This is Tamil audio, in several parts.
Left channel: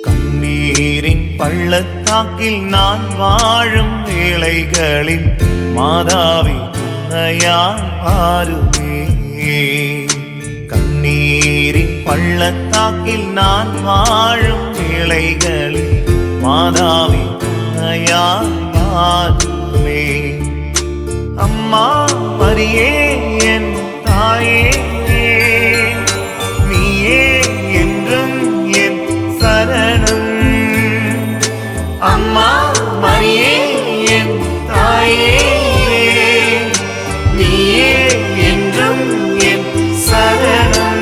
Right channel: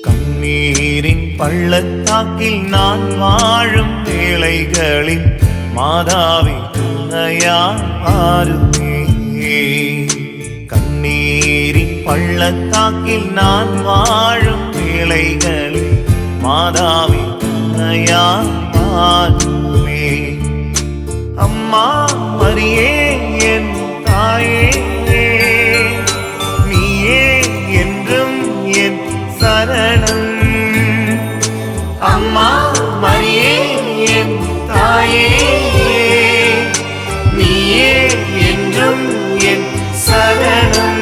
கண்ணீரின் பள்ளத்தாக்கில் நான் வாழும் வேளைகளில் மாதாவி துணையாய் மாறுமே கண்ணீரின் பள்ளத்தாக்கில் நான் வாழும் வேளைகளில் மாதாவி துணையாய் மாறுமே அம்மா மரியே என் தாயே. சரணம். அம்மா மரியே என் தாயே நீயே என்றும் என் சரணம்.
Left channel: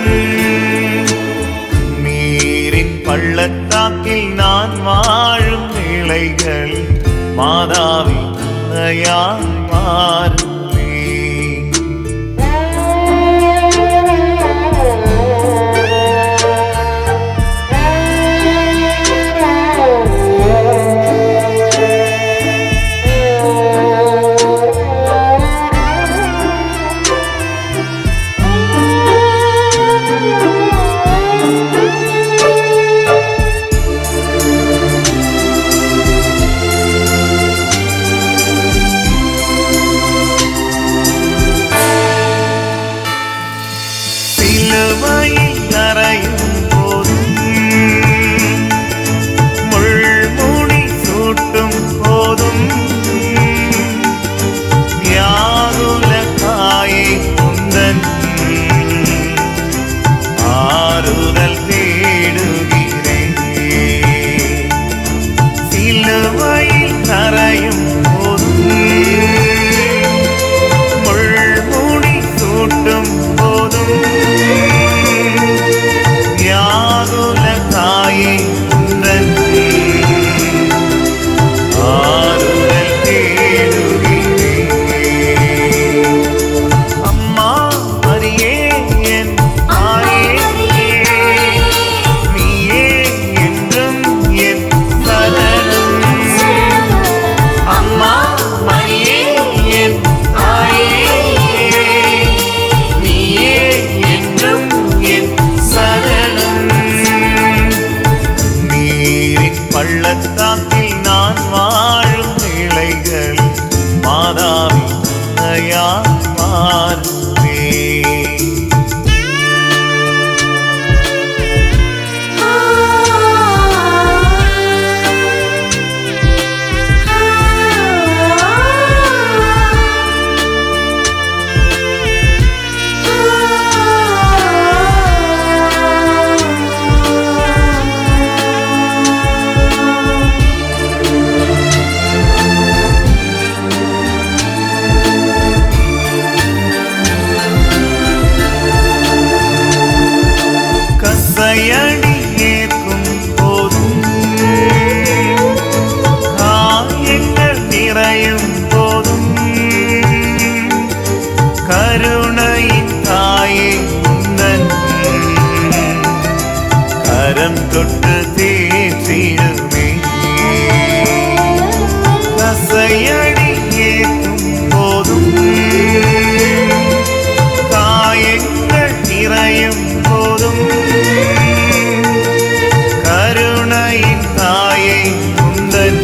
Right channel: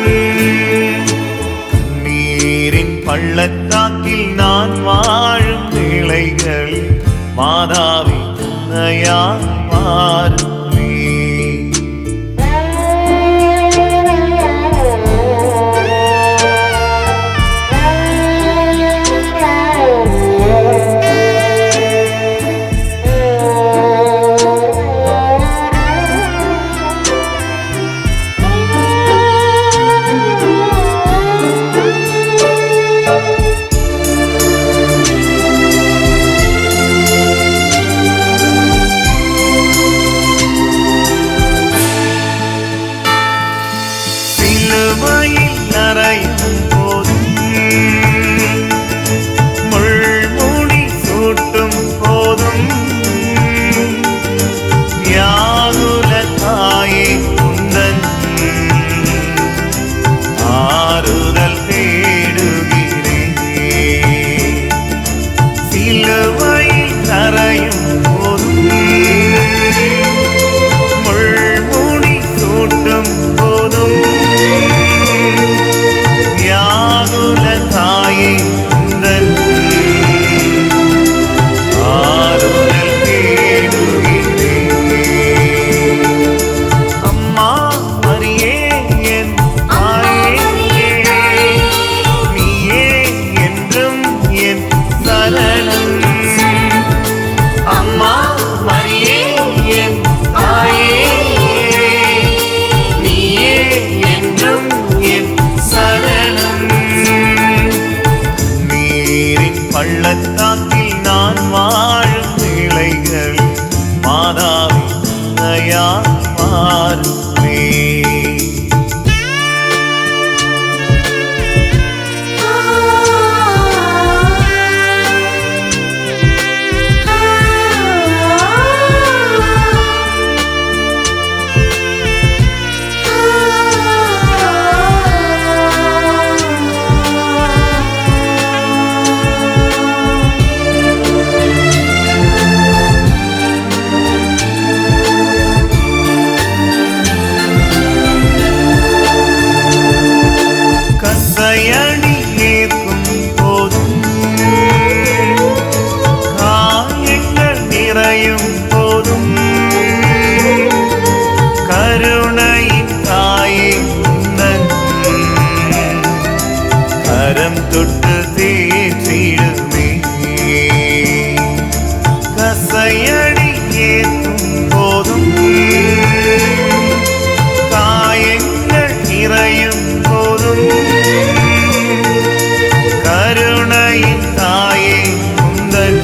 நீரின் பள்ளத்தாக்கில் நான் வாழும் வேளைகள் மாதாவி துணையா மாறுமே. முள்முடி போதும். வியாகுல தாயை குந்தன் ஆறுதல் தேடுகிறேன். சிலுவையில் கரையும் பள்ளத்தாக்கில் நான் வாழும் வேளைகள் மாதாவி துணையா மாறுமே. கசையடி ஏற்கும் போதும் காயங்கள் நிறையும் போதும் கருணையின் தாயே உந்தன் கரம் தொட்டு தேற்றிடுமே கசையடி ஏற்கும் போதும் காயங்கள் நிறையும் தாயே குந்தன்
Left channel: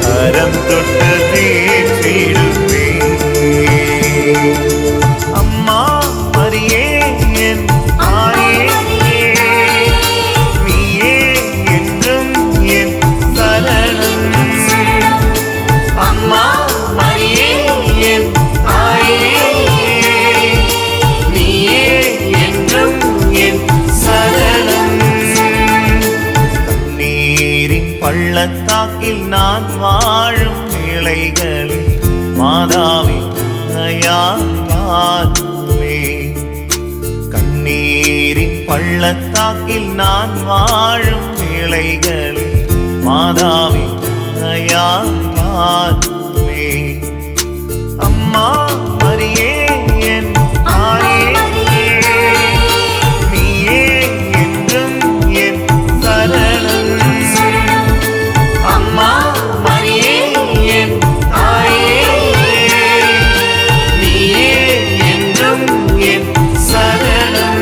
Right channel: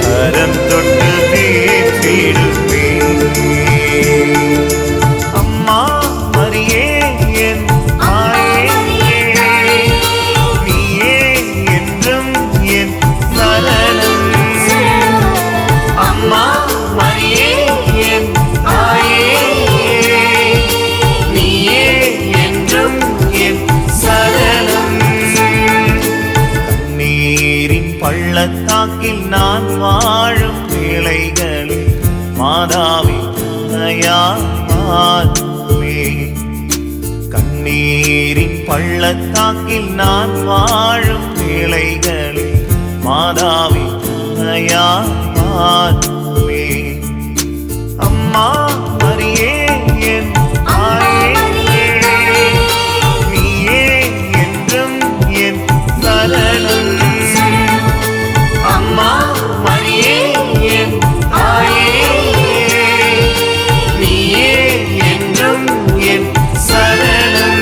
கரம் தொட்டு தேற்றிடுமே. அம்மா மரியே என் தாயே. நீயே என்றும் என் சரணம். அம்மா மரியே என் தாயே. பள்ளத்தாக்கில் நான் வாழும் வேளைகளில் மாதாவி துணையா கண்ணீரின் பள்ளத்தாக்கில் நான் வாழும் வேளைகளில் மாதாவி துணையா மாறுமே அம்மா மரியே அம்மா மரியே என் தாயே. நீயே என்றும் என் சரணம்.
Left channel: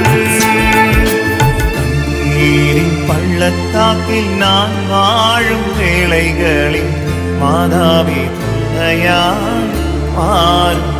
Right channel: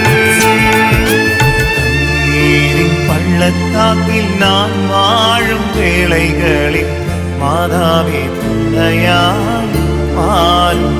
கண்ணீரின் பள்ளத்தாக்கில் நான் வாழும் வேளைகளில் மாதாவே துணையாள் மாறும்.